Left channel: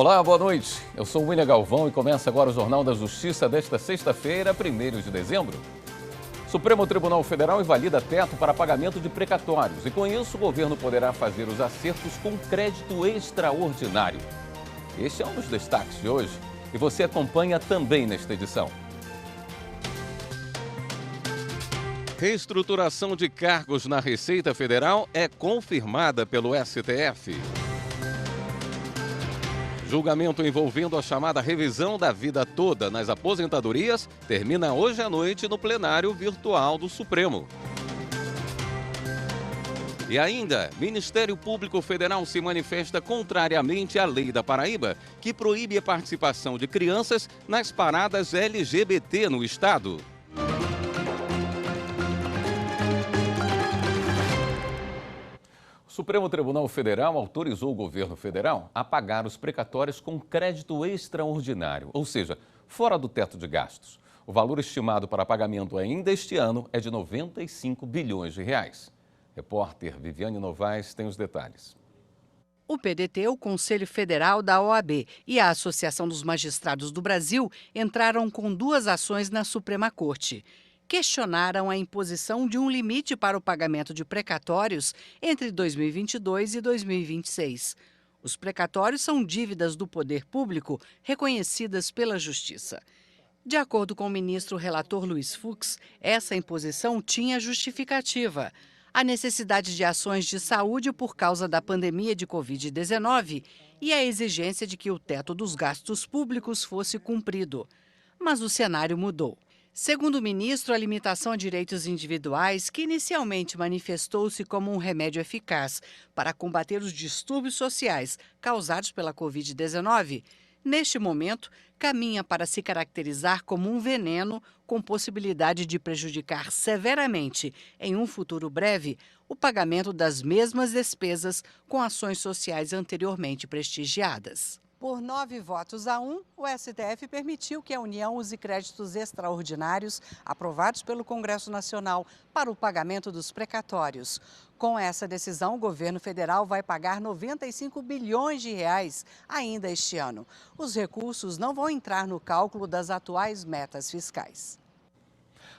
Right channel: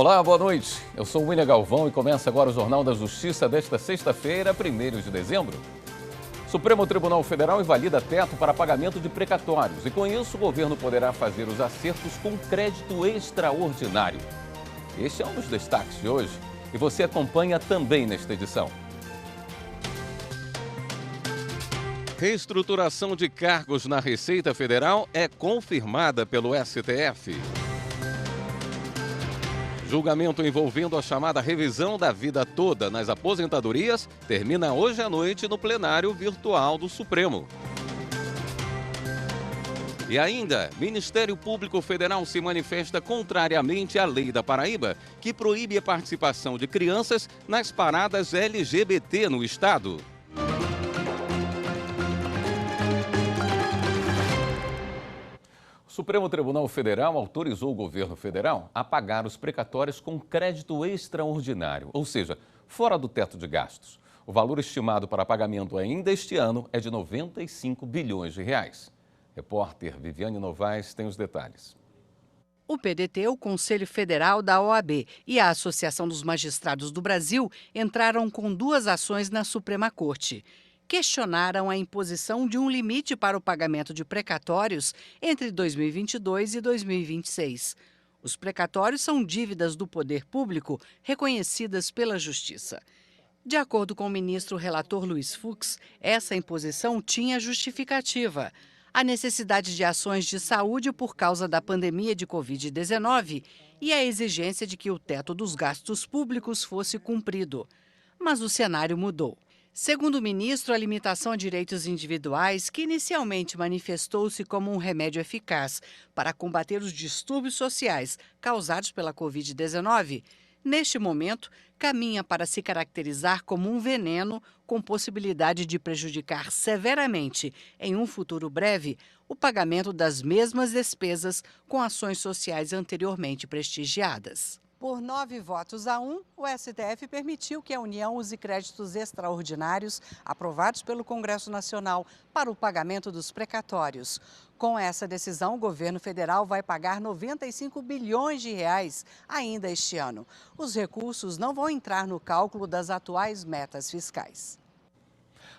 Olá, boa noite. Eu sou o William Galvão e começa agora o Jornal da Justiça desta sexta-feira, 1º de dezembro. Supremo Tribunal Federal invalida teto para pagamento de precatórios e, com isso, o governo poderá fazer os acertos com crédito extraordinário. Este é um dos destaques de hoje e você acompanha também nesta edição. Reestruturação de cargos na Receita Federal é confirmada pelo STF. Julgamento envolvendo a chamada revisão da vida toda nas aposentadorias termina hoje à noite no plenário virtual do Supremo. E ainda, Ministério Público Federal se manifesta contrariamente à lei da Paraíba, que proíbe a participação de crianças nas paradas LGBT no estado. O Supremo Tribunal Federal autorizou o governo federal a pagar os precatórios com crédito extraordinário, ou seja, fora do teto de gastos. O valor estimado para pagamento ainda este ano é de 95 bilhões de reais. Repórter Viviane Novaes tem os detalhes. O PDT, o Conselho Federal da OAB e a Associação dos Magistrados do Brasil entraram com 2 ações na Suprema Corte. Questionaram a imposição de um limite para o pagamento de precatórios entre 2022 e 2026. Os precatórios são dívidas do poder público reconhecidas pela Justiça. De acordo com o ministro relator Luiz Fux, essa imposição tinha justificativa: a necessidade de ações de saúde por causa da pandemia de Covid-19 e a exigência de que o teto dos gastos públicos fosse cumprido. Mas o cenário mudou. Segundo o ministro, a limitação a direitos individuais, que inicialmente manifestou-se como um remédio eficaz para combater os distúrbios sociais causados pela Covid-19, neste momento caminha para se caracterizar como um veneno com possibilidade de prejudicar severamente, em um futuro breve, o pagamento das mesmas despesas com ações sociais anteriormente prestigiadas. Por 9 votos a 1, o STF permitiu que a União use créditos extraordinários aprovados pelo Congresso Nacional para o pagamento dos precatórios. Com essa decisão, o governo federal vai pagar 95 bilhões de reais ainda este ano. Os recursos não vão entrar no cálculo das atuais metas fiscais.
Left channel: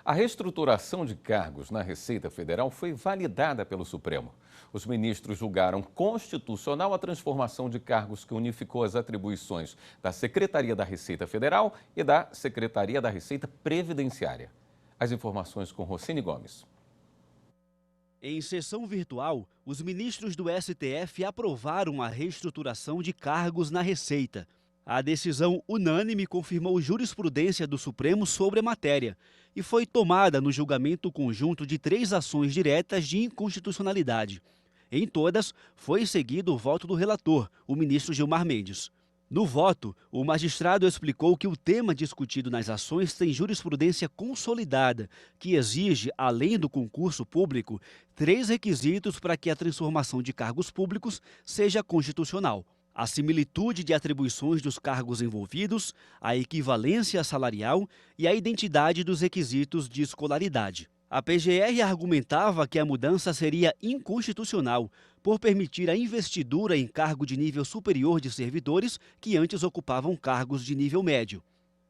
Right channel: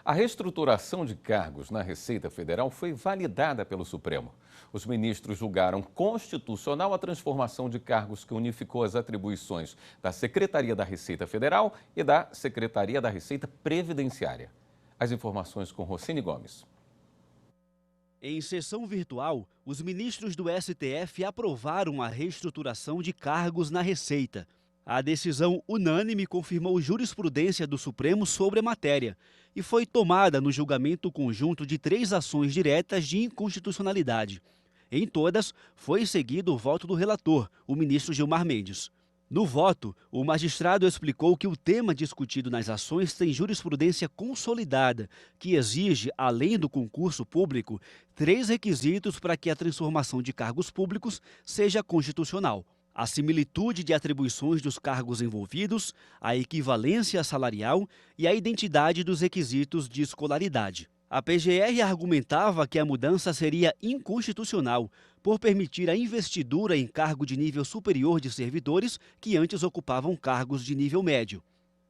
A reestruturação de cargos na Receita Federal foi validada pelo Supremo. Os ministros julgaram constitucional a transformação de cargos que unificou as atribuições da Secretaria da Receita Federal e da Secretaria da Receita Previdenciária. As informações com Rocine Gomes. Em sessão virtual, os ministros do STF aprovaram a reestruturação de cargos na Receita. A decisão unânime confirmou jurisprudência do Supremo sobre a matéria e foi tomada no julgamento conjunto de 3 ações diretas de inconstitucionalidade. Em todas, foi seguido o voto do relator, o ministro Gilmar Mendes. No voto, o magistrado explicou que o tema discutido nas ações tem jurisprudência consolidada, que exige, além do concurso público, 3 requisitos para que a transformação de cargos públicos seja constitucional: a similitude de atribuições dos cargos envolvidos, a equivalência salarial e a identidade dos requisitos de escolaridade. A PGR argumentava que a mudança seria inconstitucional por permitir a investidura em cargo de nível superior de servidores que antes ocupavam cargos de nível médio.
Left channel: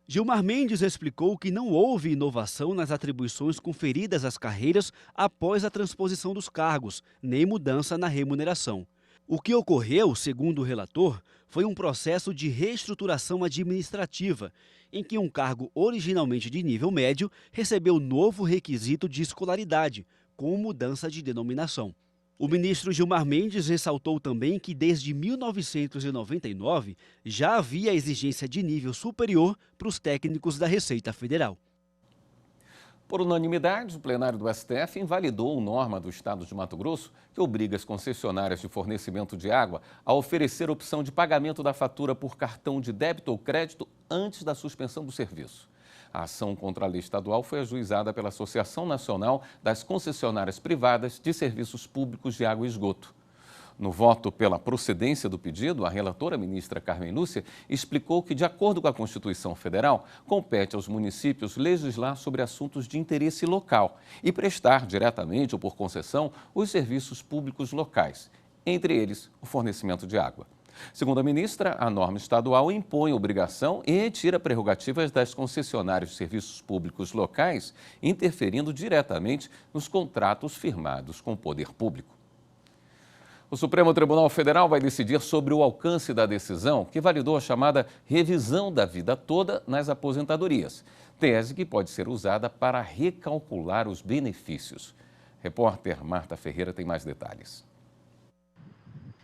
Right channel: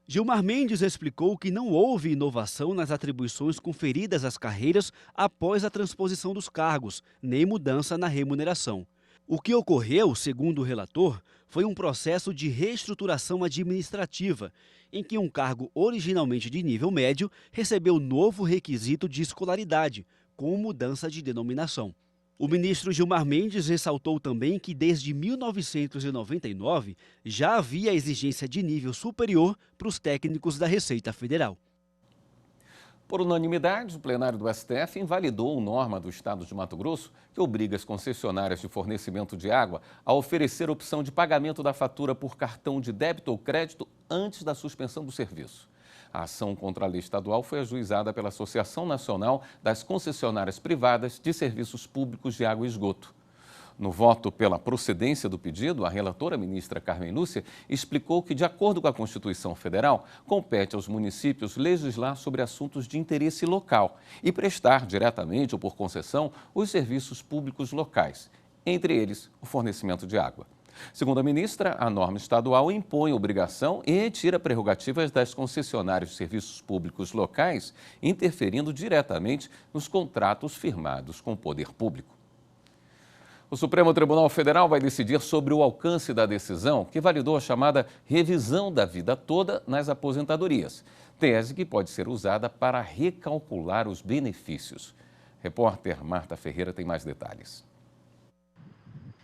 Gilmar Mendes explicou que não houve inovação nas atribuições conferidas às carreiras após a transposição dos cargos, nem mudança na remuneração. O que ocorreu, segundo o relator, foi um processo de reestruturação administrativa, em que um cargo originalmente de nível médio recebeu novo requisito de escolaridade, com mudança de denominação. O ministro Gilmar Mendes ressaltou também que desde 1999 já havia exigência de nível superior para os técnicos da Receita Federal. Por unanimidade, o plenário do STF invalidou a norma do Estado de Mato Grosso que obriga as concessionárias de fornecimento de água a oferecer opção de pagamento da fatura por cartão de débito ou crédito antes da suspensão do serviço. A ação contra a lei estadual foi ajuizada pela Associação Nacional das Concessionárias Privadas de Serviços Públicos de Água e Esgoto. No voto pela procedência do pedido, a relatora ministra Carmen Lúcia explicou que, de acordo com a Constituição Federal, compete aos municípios legislar sobre assuntos de interesse local e prestar diretamente ou por concessão os serviços públicos locais, entre eles o fornecimento de água. Segundo a ministra, a norma estadual impõe obrigação e tira prerrogativas das concessionárias de serviços públicos locais, interferindo diretamente nos contratos firmados com o poder público. O Supremo Tribunal Federal vai decidir sobre o alcance da decisão que validou a chamada revisão da vida toda nas aposentadorias, tese que pode ser usada para recalcular os benefícios. Repórter Marta Ferreira tem mais detalhes.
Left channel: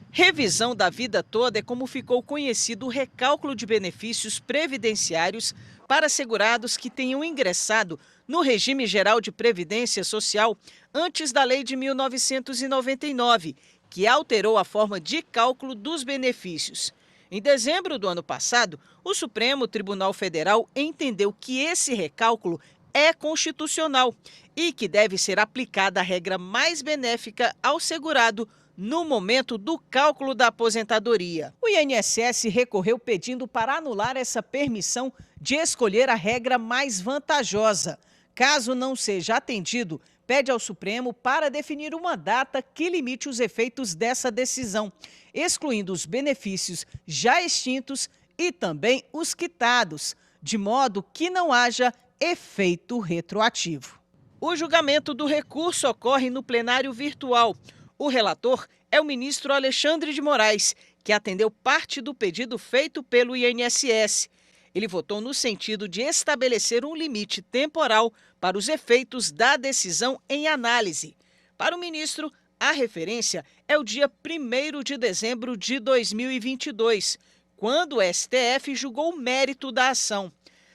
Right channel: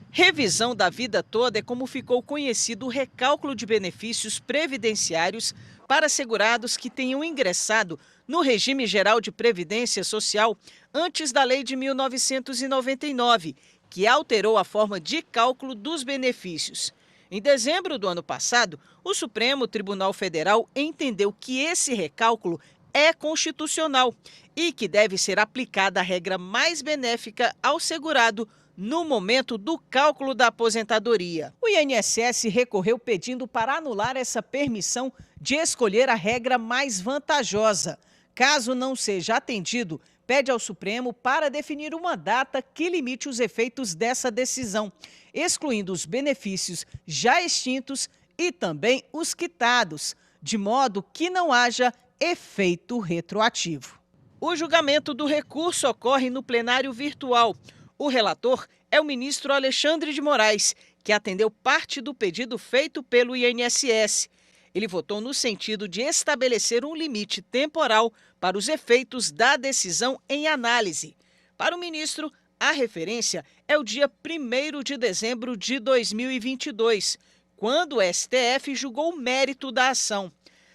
Revisão da vida toda é como ficou conhecido o recálculo de benefícios previdenciários para segurados que tenham ingressado no regime geral de previdência social antes da Lei de 1999, que alterou a forma de cálculo dos benefícios. Em dezembro do ano passado, o Supremo Tribunal Federal entendeu que esse recálculo é constitucional e que deve ser aplicada a regra mais benéfica ao segurado no momento do cálculo da aposentadoria. O INSS recorreu pedindo para anular essa permissão de escolher a regra mais vantajosa. Caso não seja atendido, pede ao Supremo para definir uma data que limite os efeitos dessa decisão, excluindo os benefícios já extintos e também os quitados, de modo que não haja efeito retroativo. O julgamento do recurso ocorre no plenário virtual. O relator é o ministro Alexandre de Moraes, que atendeu parte do pedido feito pelo INSS. Ele votou no sentido de estabelecer um limite temporal para os efeitos da decisão em análise. Para o ministro, a referência é o dia 1º de dezembro de 2022, quando o STF julgou o mérito da ação.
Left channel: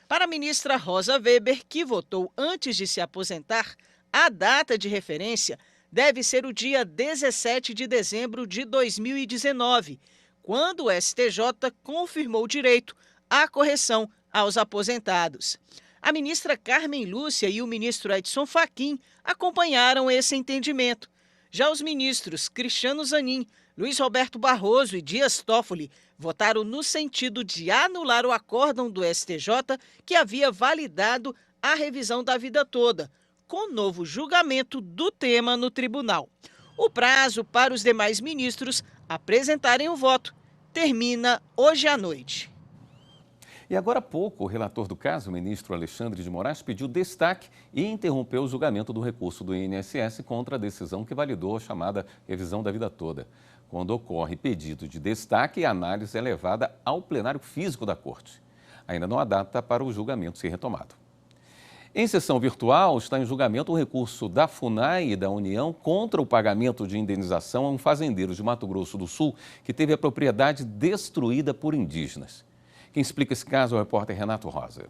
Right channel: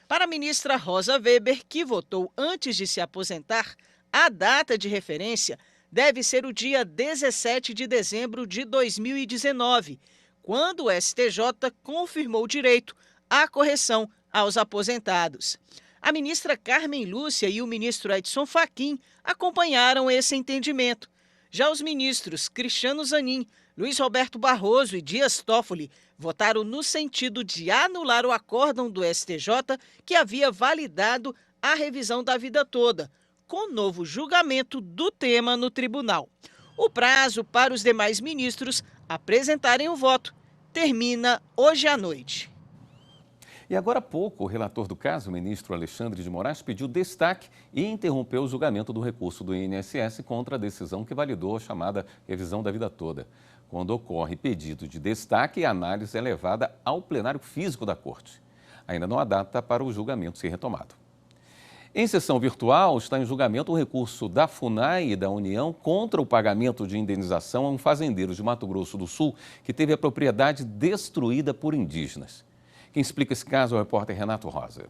Para a ministra Rosa Weber, que votou antes de se aposentar, a data de referência deve ser o dia 17 de dezembro de 2019, quando o STJ confirmou o direito à correção aos aposentados. A ministra Carmen Lúcia e o ministro Edson Fachin acompanharam esse entendimento. Já os ministros Cristiano Zanin, Luiz Roberto Barroso e Dias Toffoli votaram no sentido de anular o acórdão do STJ que havia validado a revisão da vida toda, com novo julgamento do tema no tribunal. O prazo para os demais ministros apresentarem o voto termina hoje à noite. E agora há pouco, o relator do caso, o ministro Alexandre de Moraes, pediu destaque e interrompeu o julgamento do recurso do INSS contra a decisão que validou a chamada revisão da vida toda. Quando ocorre pedido de destaque, a análise é levada ao plenário físico da Corte. Ainda não há data para o julgamento ser retomado. Em sessão virtual, está em julgamento o recurso da FUNAI e da União contra o pagamento de indenização a um fazendeiro de Mato Grosso do Sul que teve a propriedade destruída por indígenas. Quem explica esse caso é o repórter Renato Rosa.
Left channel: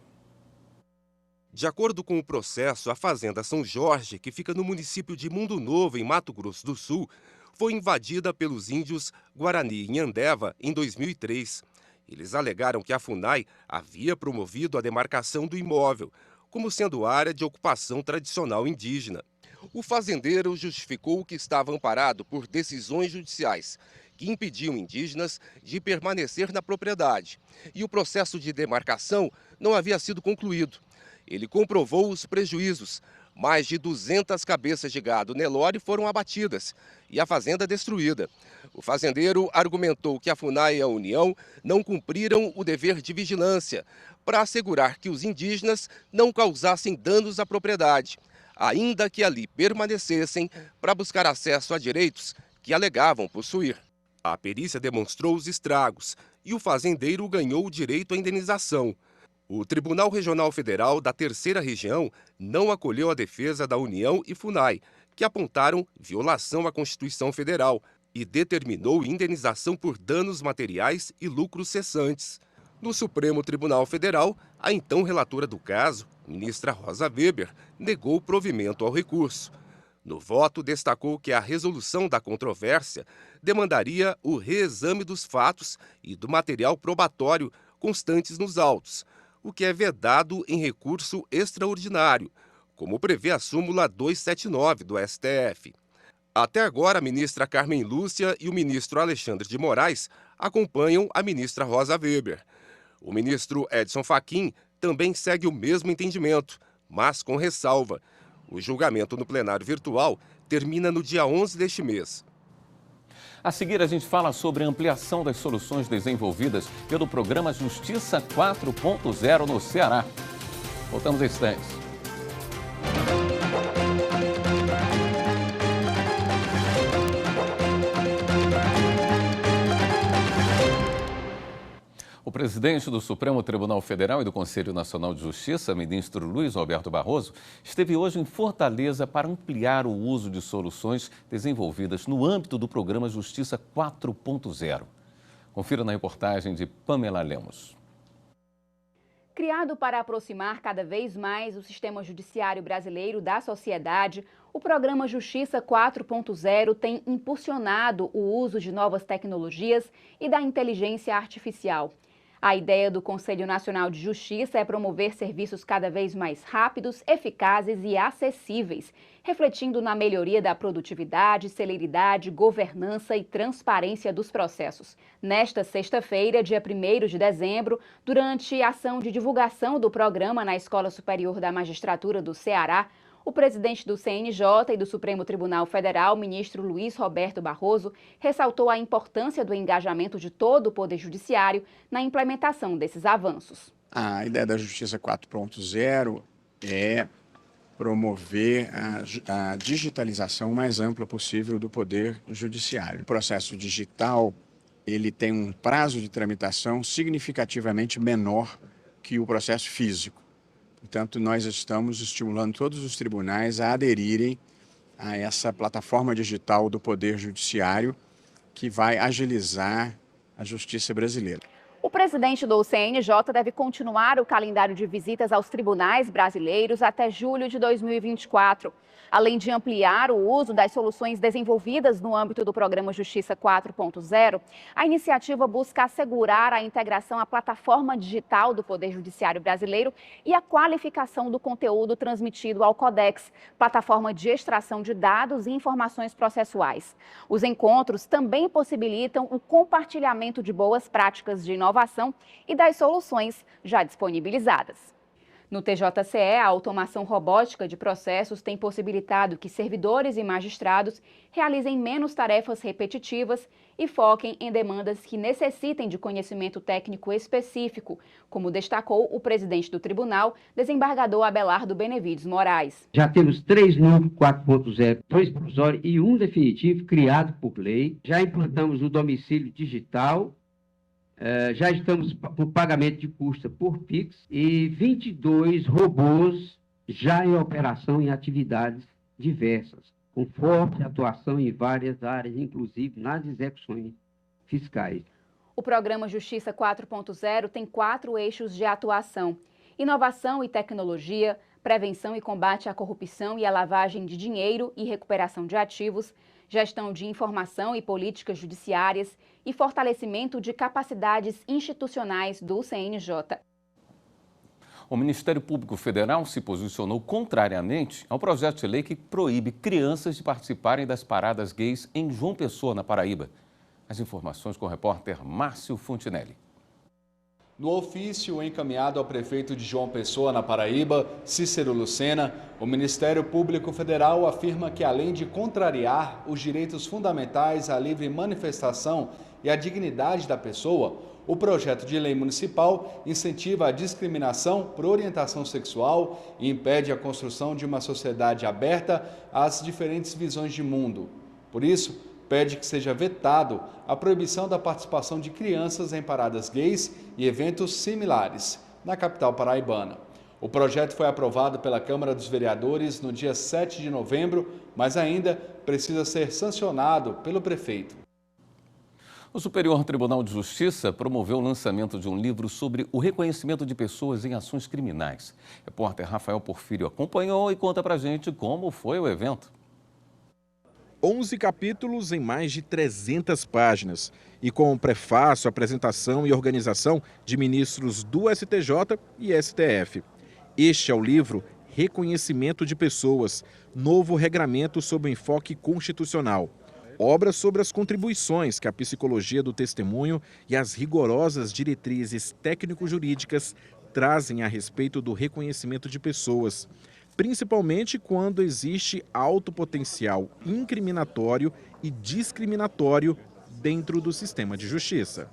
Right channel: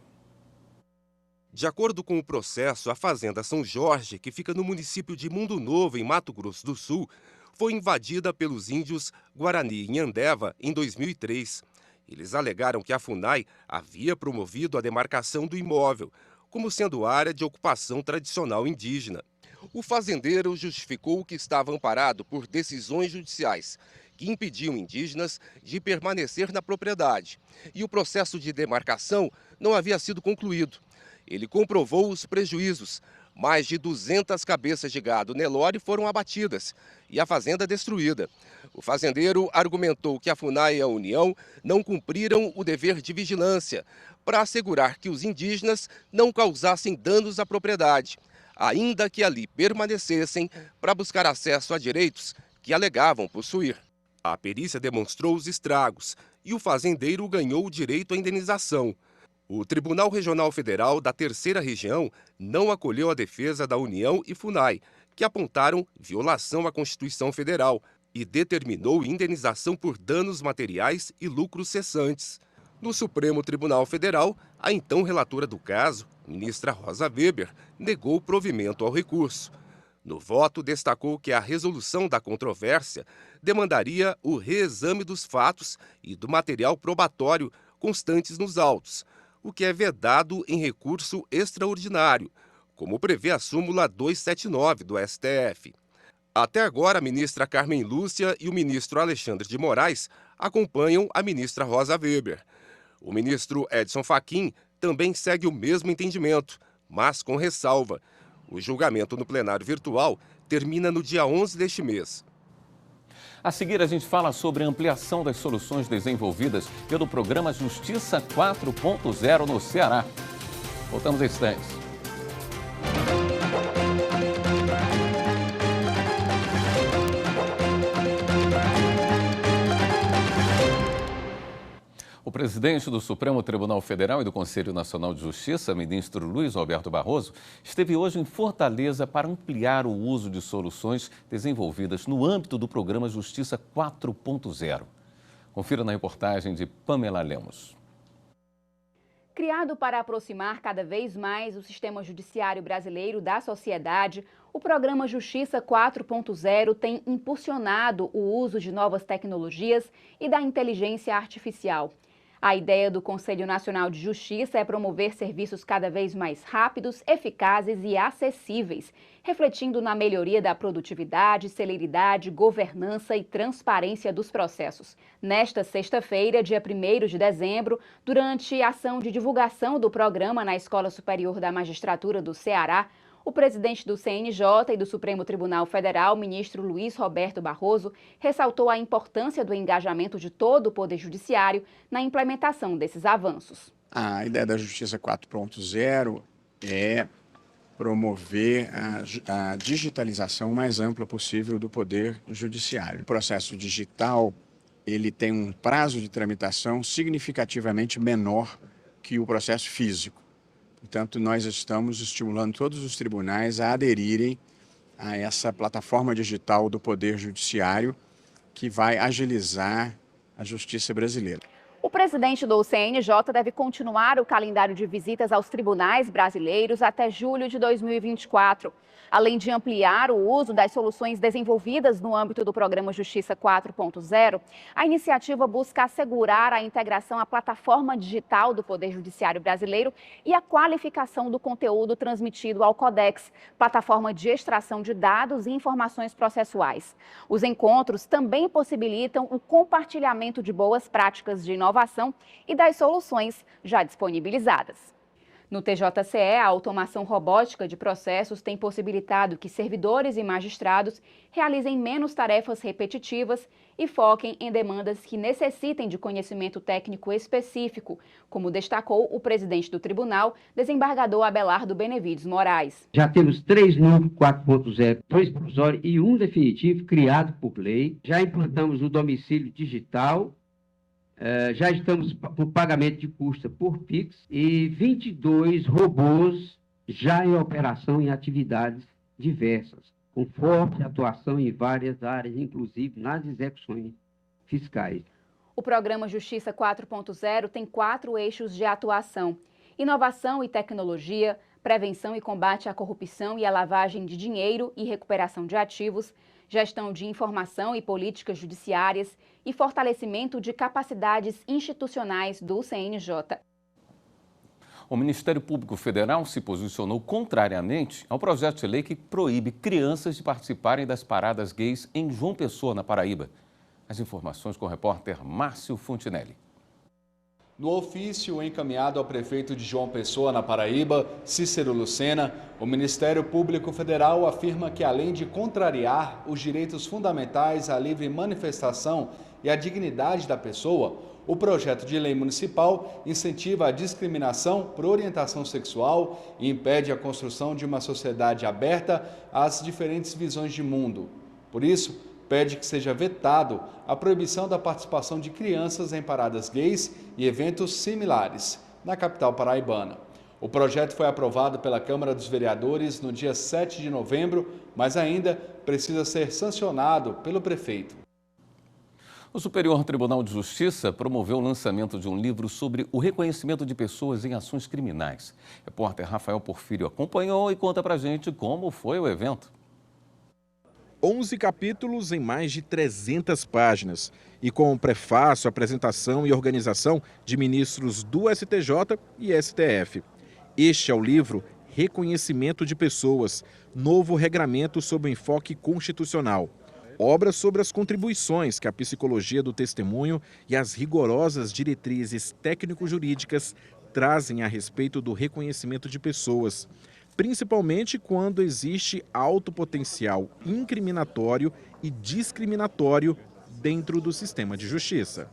De acordo com o processo, a Fazenda São Jorge, que fica no município de Mundo Novo, em Mato Grosso do Sul, foi invadida pelos índios Guarani Nhandeva em 2003. Eles alegaram que a FUNAI havia promovido a demarcação do imóvel, como sendo área de ocupação tradicional indígena. O fazendeiro justificou que estava amparado por decisões judiciais que impediam indígenas de permanecer na propriedade, e o processo de demarcação não havia sido concluído. Ele comprovou os prejuízos. Mais de 200 cabeças de gado Nelore foram abatidas e a fazenda destruída. O fazendeiro argumentou que a FUNAI e a União não cumpriram o dever de vigilância para assegurar que os indígenas não causassem danos à propriedade, ainda que ali permanecessem para buscar acesso a direitos que alegavam possuir. A perícia demonstrou os estragos e o fazendeiro ganhou o direito à indenização. O Tribunal Regional Federal da Terceira Região não acolheu a defesa da União e FUNAI, que apontaram violação à Constituição Federal e determinou indenização por danos materiais e lucros cessantes. No Supremo Tribunal Federal, a então relatora do caso, ministra Rosa Weber, negou provimento ao recurso. No voto, destacou que a resolução da controvérsia demandaria o reexame dos fatos e do material probatório constantes nos autos, o que é vedado em recurso extraordinário, como prevê a súmula 279 do STF. Até agora, a ministra Carmen Lúcia e o ministro Alexandre de Moraes acompanham a ministra Rosa Weber. O ministro Edson Fachin também segue o mesmo entendimento, mas com ressalva. O julgamento no plenário virtual termina no dia 11 deste mês. A seguir, a gente fala sobre a ampliação das soluções desenvolvidas pelo programa Justiça 4.0 no Ceará. Voltamos a instantes. O presidente do Supremo Tribunal Federal e do Conselho Nacional de Justiça, ministro Luiz Roberto Barroso, esteve hoje em Fortaleza para ampliar o uso de soluções desenvolvidas no âmbito do programa Justiça 4.0. Confira na reportagem de Pamela Lemos. Criado para aproximar cada vez mais o sistema judiciário brasileiro da sociedade, o programa Justiça 4.0 tem impulsionado o uso de novas tecnologias e da inteligência artificial. A ideia do Conselho Nacional de Justiça é promover serviços cada vez mais rápidos, eficazes e acessíveis, refletindo na melhoria da produtividade, celeridade, governança e transparência dos processos. Nesta sexta-feira, dia 1º de dezembro, durante a ação de divulgação do programa na Escola Superior da Magistratura do Ceará, o presidente do CNJ e do Supremo Tribunal Federal, ministro Luiz Roberto Barroso, ressaltou a importância do engajamento de todo o Poder Judiciário na implementação desses avanços. A ideia da Justiça 4.0 é promover a digitalização mais ampla possível do Poder Judiciário. O processo digital ele tem um prazo de tramitação significativamente menor que o processo físico. Portanto, nós estamos estimulando todos os tribunais a aderirem a essa plataforma digital do Poder Judiciário que vai agilizar a justiça brasileira. O presidente do CNJ deve continuar o calendário de visitas aos tribunais brasileiros até julho de 2024. Além de ampliar o uso das soluções desenvolvidas no âmbito do programa Justiça 4.0, a iniciativa busca assegurar a integração à plataforma digital do Poder Judiciário brasileiro e a qualificação do conteúdo transmitido ao Codex, plataforma de extração de dados e informações processuais. Os encontros também possibilitam o compartilhamento de boas práticas de inovação e das soluções já disponibilizadas. No TJCE, a automação robótica de processos tem possibilitado que servidores e magistrados realizem menos tarefas repetitivas e foquem em demandas que necessitem de conhecimento técnico específico, como destacou o presidente do tribunal, desembargador Abelardo Benevides Moraes. Já temos 3 novos 4.0, 2 provisórios e 1 definitivo criado por lei. Já implantamos o domicílio digital. Já estamos por pagamento de custa por Pix e 22 robôs já em operação em atividades diversas, com forte atuação em várias áreas, inclusive nas execuções fiscais. O programa Justiça 4.0 tem 4 eixos de atuação: inovação e tecnologia, prevenção e combate à corrupção e à lavagem de dinheiro e recuperação de ativos, gestão de informação e políticas judiciárias e fortalecimento de capacidades institucionais do CNJ. O Ministério Público Federal se posicionou contrariamente ao projeto de lei que proíbe crianças de participarem das paradas gays em João Pessoa, na Paraíba. As informações com o repórter Márcio Fontinelli. No ofício encaminhado ao prefeito de João Pessoa, na Paraíba, Cícero Lucena, o Ministério Público Federal afirma que, além de contrariar os direitos fundamentais à livre manifestação e à dignidade da pessoa, o projeto de lei municipal incentiva a discriminação por orientação sexual e impede a construção de uma sociedade aberta às diferentes visões de mundo. Por isso, pede que seja vetado a proibição da participação de crianças em paradas gays e eventos similares na capital paraibana. O projeto foi aprovado pela Câmara dos Vereadores no dia 7 de novembro, mas ainda precisa ser sancionado pelo prefeito. O Superior Tribunal de Justiça promoveu o lançamento de um livro sobre o reconhecimento de pessoas em ações criminais. O repórter Rafael Porfírio acompanhou e conta pra gente como foi o evento. 11 capítulos em mais de 300 páginas e com o prefácio, apresentação e organização de ministros do STJ e STF. Este é o livro Reconhecimento de Pessoas, novo regramento sob o enfoque constitucional. Obra sobre as contribuições que a psicologia do testemunho e as rigorosas diretrizes técnico-jurídicas trazem a respeito do reconhecimento de pessoas, principalmente quando existe alto potencial incriminatório e discriminatório dentro do sistema de justiça.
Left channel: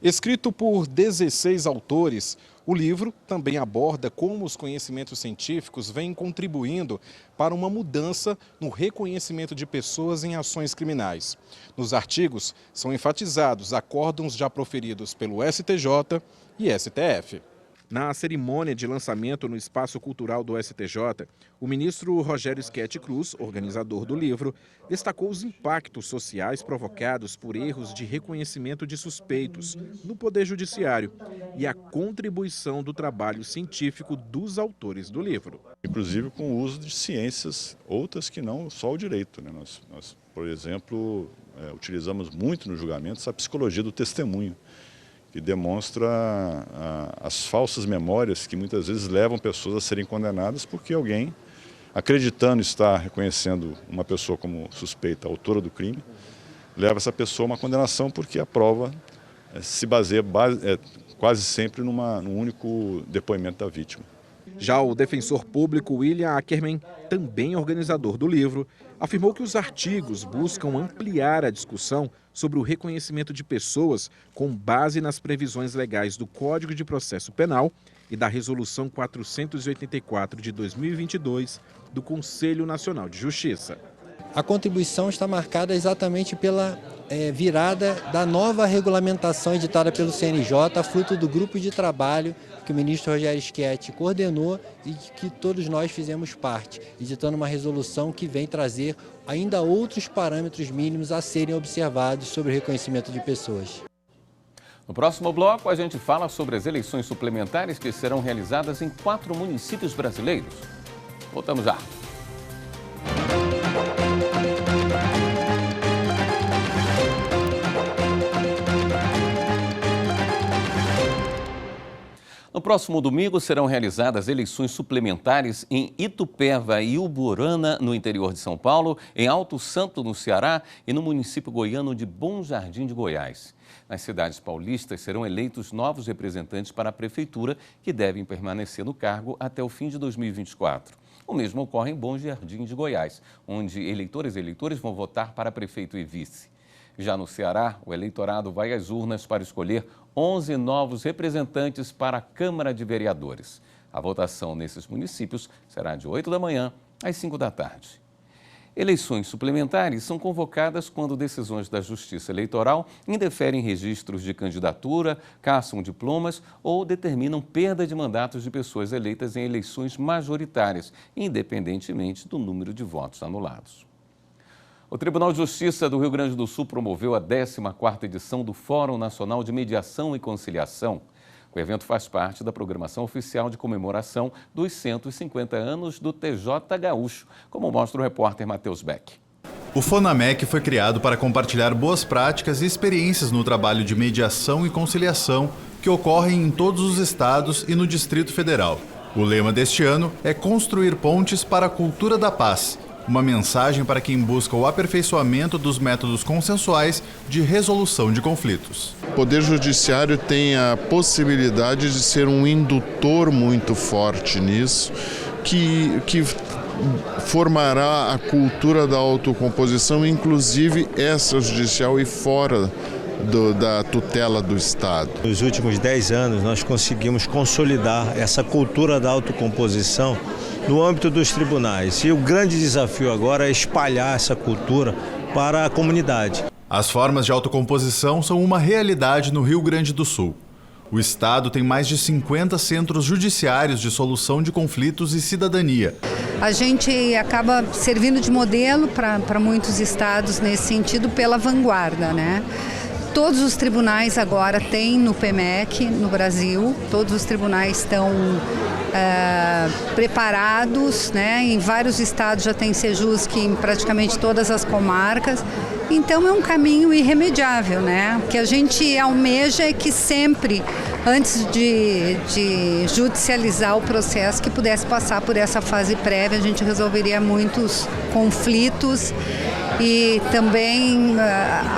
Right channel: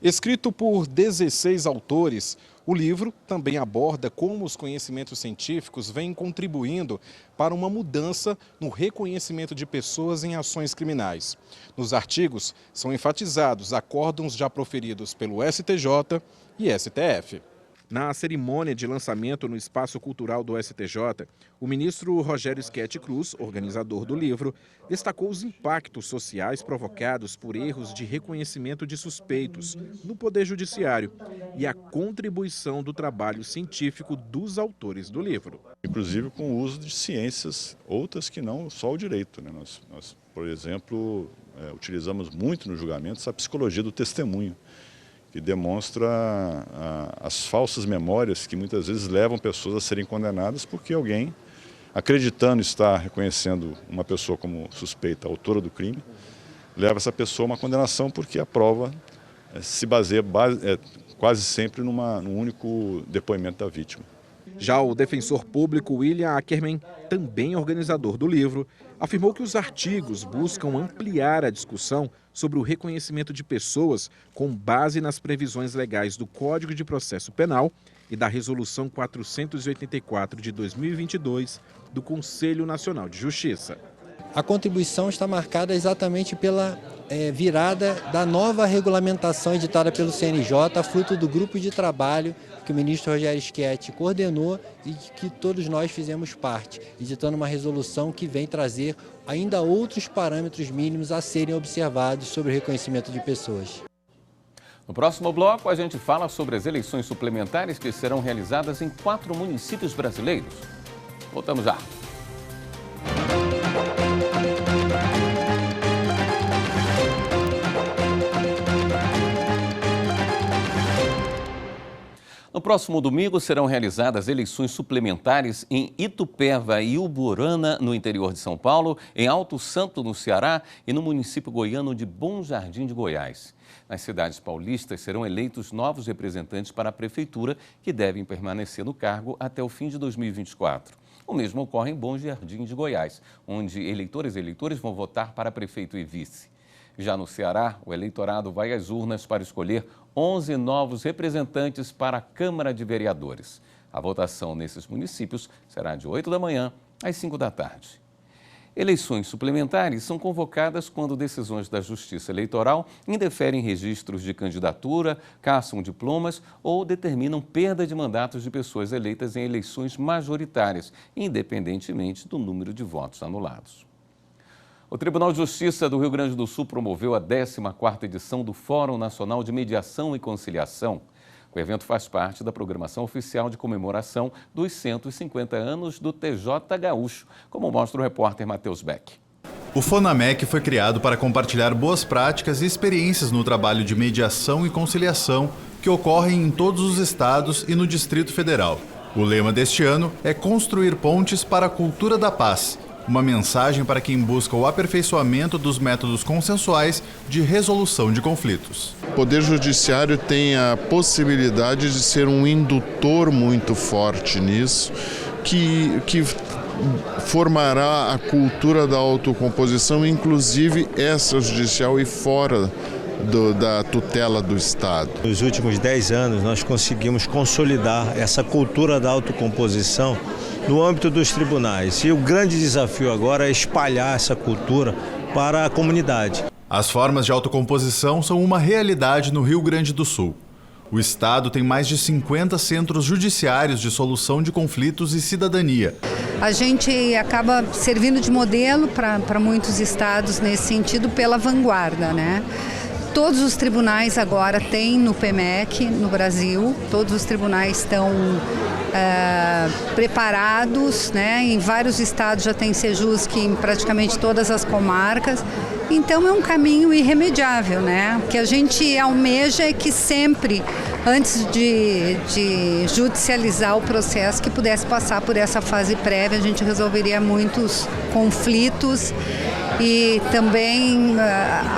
Escrito por 16 autores, o livro também aborda como os conhecimentos científicos vêm contribuindo para uma mudança no reconhecimento de pessoas em ações criminais. Nos artigos são enfatizados acórdãos já proferidos pelo STJ e STF. Na cerimônia de lançamento no Espaço Cultural do STJ, o ministro Rogério Schetti Cruz, organizador do livro, destacou os impactos sociais provocados por erros de reconhecimento de suspeitos no Poder Judiciário e a contribuição do trabalho científico dos autores do livro. Inclusive com o uso de ciências, outras que não só o direito, né? Nós, por exemplo, utilizamos muito no julgamento essa psicologia do testemunho, que demonstra as falsas memórias que muitas vezes levam pessoas a serem condenadas porque alguém, acreditando estar reconhecendo uma pessoa como suspeita, autora do crime, leva essa pessoa a uma condenação porque a prova se baseia quase sempre num único depoimento da vítima. Já o defensor público William Ackerman, também organizador do livro, afirmou que os artigos buscam ampliar a discussão sobre o reconhecimento de pessoas com base nas previsões legais do Código de Processo Penal e da Resolução 484 de 2022 do Conselho Nacional de Justiça. A contribuição está marcada exatamente pela virada da nova regulamentação editada pelo CNJ, fruto do grupo de trabalho que o ministro Rogério Schetti coordenou e que todos nós fizemos parte, editando uma resolução que vem trazer ainda outros parâmetros mínimos a serem observados sobre o reconhecimento de pessoas. No próximo bloco, a gente fala sobre as eleições suplementares que serão realizadas em 4 municípios brasileiros. Voltamos já. No próximo domingo serão realizadas eleições suplementares em Itupeva e Uburana, no interior de São Paulo, em Alto Santo, no Ceará, e no município goiano de Bom Jardim de Goiás. Nas cidades paulistas serão eleitos novos representantes para a prefeitura, que devem permanecer no cargo até o fim de 2024. O mesmo ocorre em Bom Jardim de Goiás, onde eleitores e eleitores vão votar para prefeito e vice. Já no Ceará, o eleitorado vai às urnas para escolher 11 novos representantes para a Câmara de Vereadores. A votação nesses municípios será de 8 da manhã às 5 da tarde. Eleições suplementares são convocadas quando decisões da Justiça Eleitoral indeferem registros de candidatura, caçam diplomas ou determinam perda de mandatos de pessoas eleitas em eleições majoritárias, independentemente do número de votos anulados. O Tribunal de Justiça do Rio Grande do Sul promoveu a 14ª edição do Fórum Nacional de Mediação e Conciliação. O evento faz parte da programação oficial de comemoração dos 150 anos do TJ Gaúcho, como mostra o repórter Matheus Beck. O FONAMEC foi criado para compartilhar boas práticas e experiências no trabalho de mediação e conciliação que ocorrem em todos os estados e no Distrito Federal. O lema deste ano é Construir Pontes para a Cultura da Paz, uma mensagem para quem busca o aperfeiçoamento dos métodos consensuais de resolução de conflitos. O Poder Judiciário tem a possibilidade de ser um indutor muito forte nisso, que formará a cultura da autocomposição, inclusive extrajudicial e fora da tutela do Estado. Nos últimos 10 anos, nós conseguimos consolidar essa cultura da autocomposição no âmbito dos tribunais. E o grande desafio agora é espalhar essa cultura para a comunidade. As formas de autocomposição são uma realidade no Rio Grande do Sul. O estado tem mais de 50 centros judiciários de solução de conflitos e cidadania. A gente acaba servindo de modelo para muitos estados nesse sentido pela vanguarda, né? Todos os tribunais agora têm no PMEC, no Brasil, todos os tribunais estão preparados, né? Em vários estados já tem Sejusc em praticamente todas as comarcas. Então é um caminho irremediável, né? O que a gente almeja é que sempre, antes de judicializar o processo, que pudesse passar por essa fase prévia, a gente resolveria muitos conflitos e também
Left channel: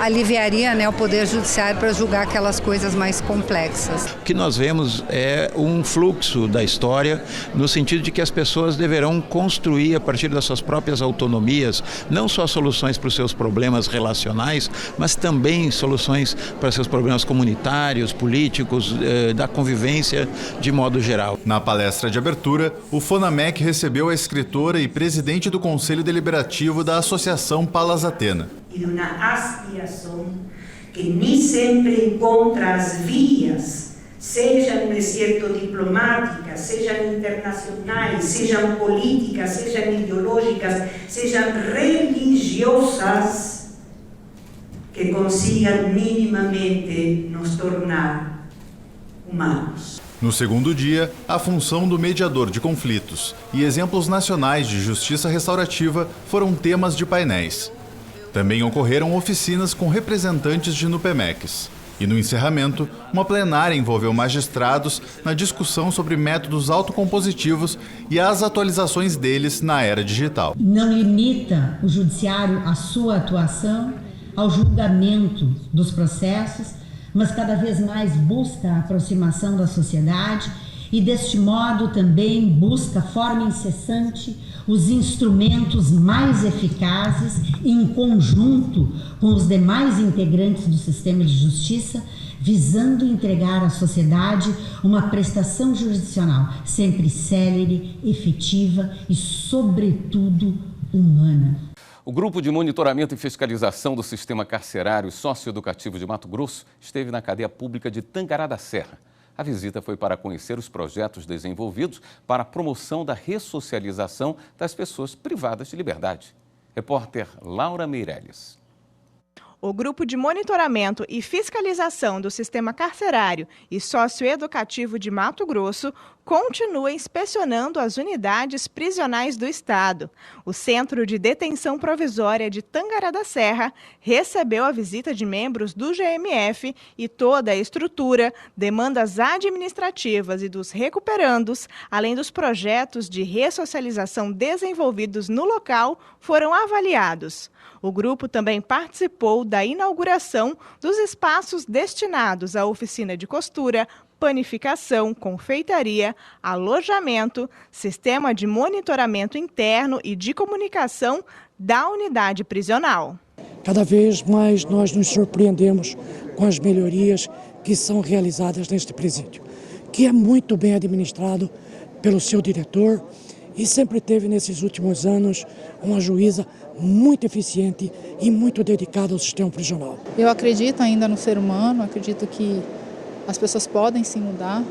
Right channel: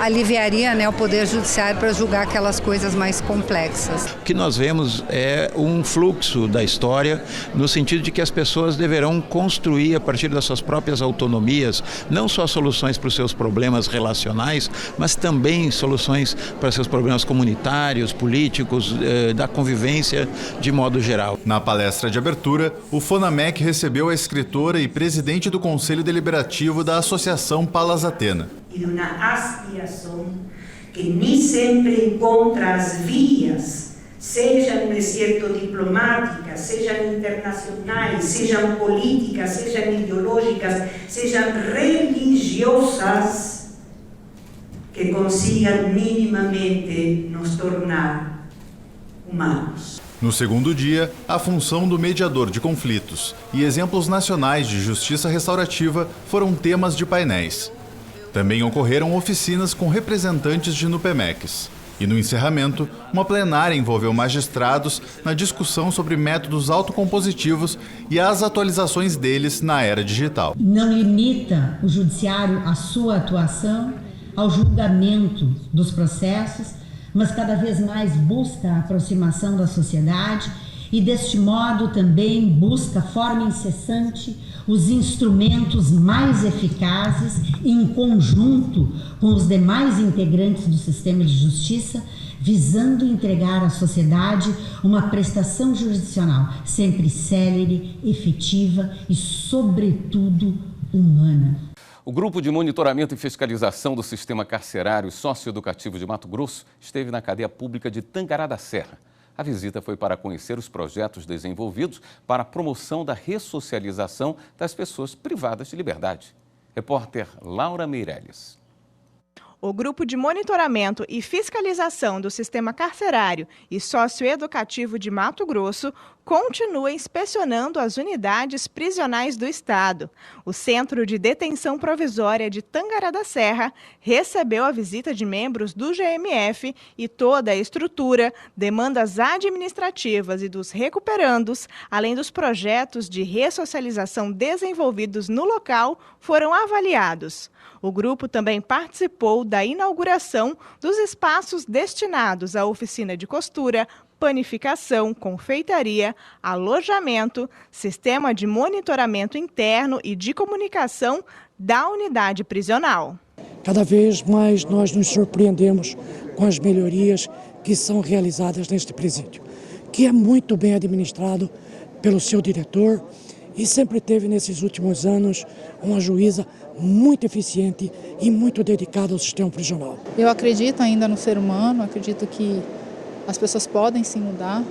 aliviaria, né, o Poder Judiciário para julgar aquelas coisas mais complexas. O que nós vemos é um fluxo da história no sentido de que as pessoas deverão construir a partir das suas próprias autonomias, não só soluções para os seus problemas relacionais, mas também soluções para seus problemas comunitários, políticos, da convivência de modo geral. Na palestra de abertura, o FONAMEC recebeu a escritora e presidente do Conselho Deliberativo da Associação Palas Atena. E de uma aspiração que nem sempre encontra as vias, sejam no exerto diplomáticas, sejam internacionais, sejam políticas, sejam ideológicas, sejam religiosas, que consigam minimamente nos tornar humanos. No segundo dia, a função do mediador de conflitos e exemplos nacionais de justiça restaurativa foram temas de painéis. Também ocorreram oficinas com representantes de NUPEMECs. E no encerramento, uma plenária envolveu magistrados na discussão sobre métodos autocompositivos e as atualizações deles na era digital. Não limita o judiciário a sua atuação ao julgamento dos processos, mas cada vez mais busca a aproximação da sociedade e, deste modo, também busca, forma incessante, os instrumentos mais eficazes em conjunto com os demais integrantes do sistema de justiça, visando entregar à sociedade uma prestação jurisdicional sempre célere, efetiva e, sobretudo, humana. O Grupo de Monitoramento e Fiscalização do Sistema Carcerário e Socioeducativo de Mato Grosso esteve na cadeia pública de Tangará da Serra. A visita foi para conhecer os projetos desenvolvidos para a promoção da ressocialização das pessoas privadas de liberdade. Repórter Laura Meirelles. O Grupo de Monitoramento e Fiscalização do Sistema Carcerário e Socioeducativo de Mato Grosso continua inspecionando as unidades prisionais do Estado. O Centro de Detenção Provisória de Tangará da Serra recebeu a visita de membros do GMF e toda a estrutura, demandas administrativas e dos recuperandos, além dos projetos de ressocialização desenvolvidos no local, foram avaliados. O grupo também participou da inauguração dos espaços destinados à oficina de costura, panificação, confeitaria, alojamento, sistema de monitoramento interno e de comunicação da unidade prisional. Cada vez mais nós nos surpreendemos com as melhorias que são realizadas neste presídio, que é muito bem administrado pelo seu diretor e sempre teve nesses últimos anos uma juíza muito eficiente e muito dedicada ao sistema prisional. Eu acredito ainda no ser humano, acredito que as pessoas podem se mudar,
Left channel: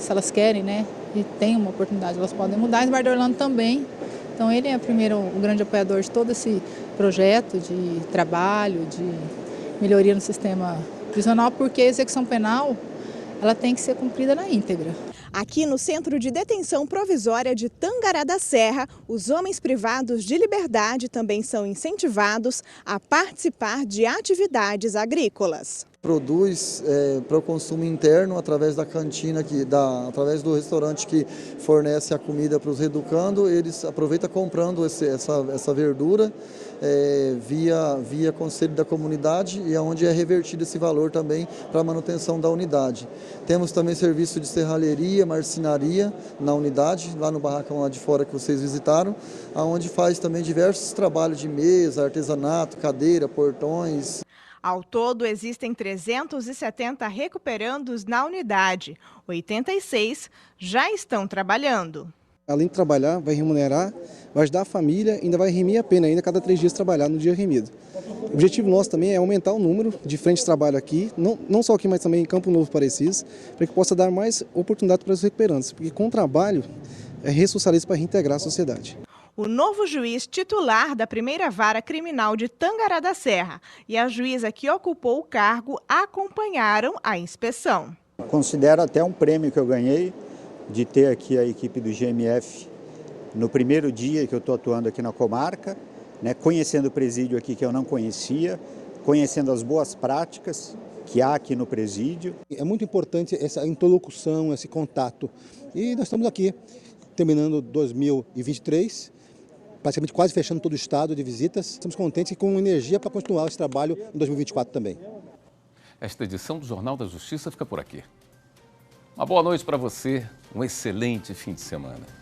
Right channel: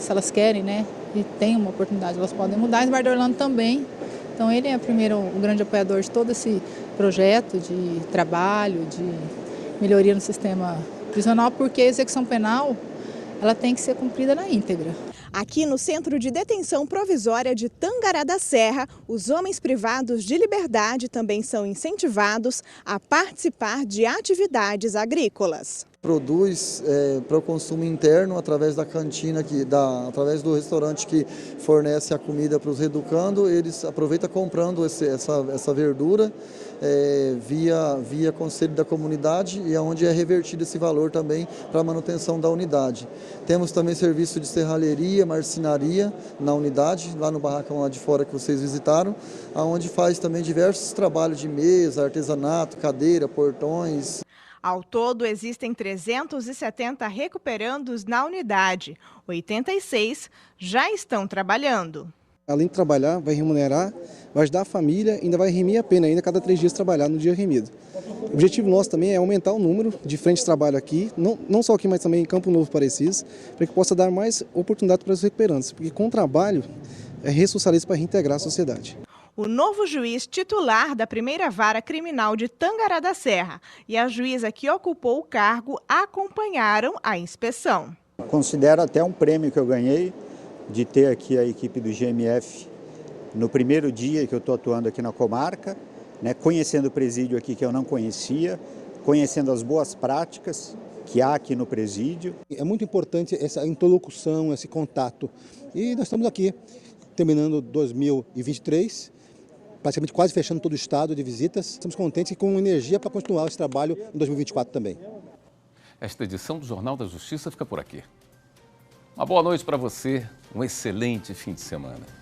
se elas querem, né? E tem uma oportunidade, elas podem mudar. Em Eduardo Orlando também. Então ele é primeiro o grande apoiador de todo esse projeto de trabalho, de melhoria no sistema prisional, porque a execução penal ela tem que ser cumprida na íntegra. Aqui no Centro de Detenção Provisória de Tangará da Serra, os homens privados de liberdade também são incentivados a participar de atividades agrícolas. Produz para o consumo interno através da cantina, através do restaurante que fornece a comida para os reeducando, eles aproveitam comprando essa verdura via conselho da comunidade e onde é revertido esse valor também para a manutenção da unidade. Temos também serviço de serralheria, marcenaria na unidade, lá no barracão lá de fora que vocês visitaram, onde faz também diversos trabalhos de mesa, artesanato, cadeira, portões. Ao todo, existem 370 recuperandos na unidade. 86 já estão trabalhando. Além de trabalhar, vai remunerar, vai ajudar a família, ainda vai remir a pena, ainda cada 3 dias trabalhar no dia remido. O objetivo nosso também é aumentar o número de frentes de trabalho aqui, não só aqui, mas também em Campo Novo Parecis, para que possa dar mais oportunidade para os recuperantes, porque com o trabalho é ressocializa para reintegrar a sociedade. O novo juiz titular da primeira vara criminal de Tangará da Serra e a juíza que ocupou o cargo acompanharam a inspeção. Considero até um prêmio que eu ganhei de ter aqui a equipe do GMF no primeiro dia que eu estou atuando aqui na comarca, né, conhecendo o presídio aqui que eu não conhecia, conhecendo as boas práticas que há aqui no presídio. É muito importante essa interlocução, esse contato. E nós estamos aqui, terminando 2023, praticamente quase fechando todo o estado de visitas. Estamos contentes e com energia para continuar esse trabalho em 2024 também. Esta edição do Jornal da Justiça fica por aqui. Uma boa noite para você, um excelente fim de semana.